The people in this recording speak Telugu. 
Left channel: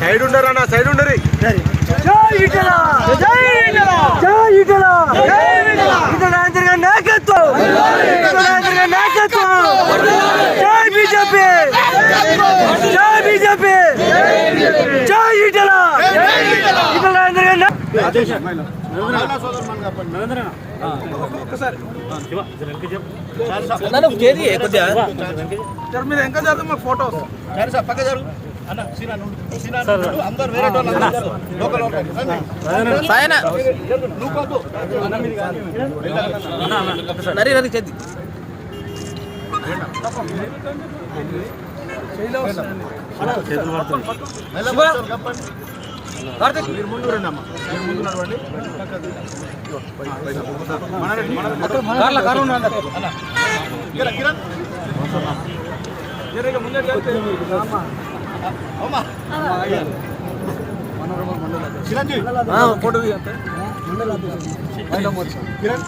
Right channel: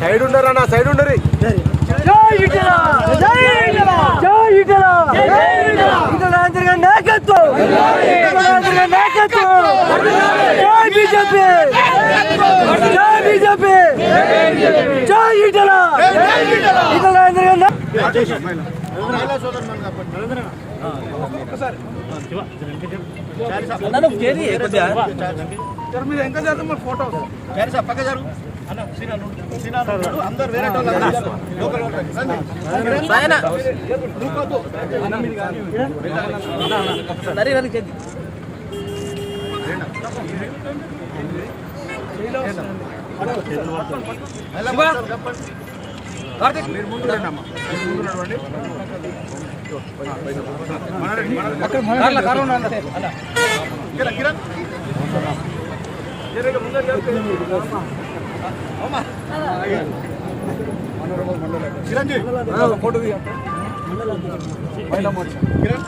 సైడ్ ఉండరన్నా, సైడ్ ఉండరు. అందరు వేరే లోకల్ మీరు ముందు రండి అమ్మా, మీరు ముందు నడవండి. చిరంజీవి ఫోటో కిరణ్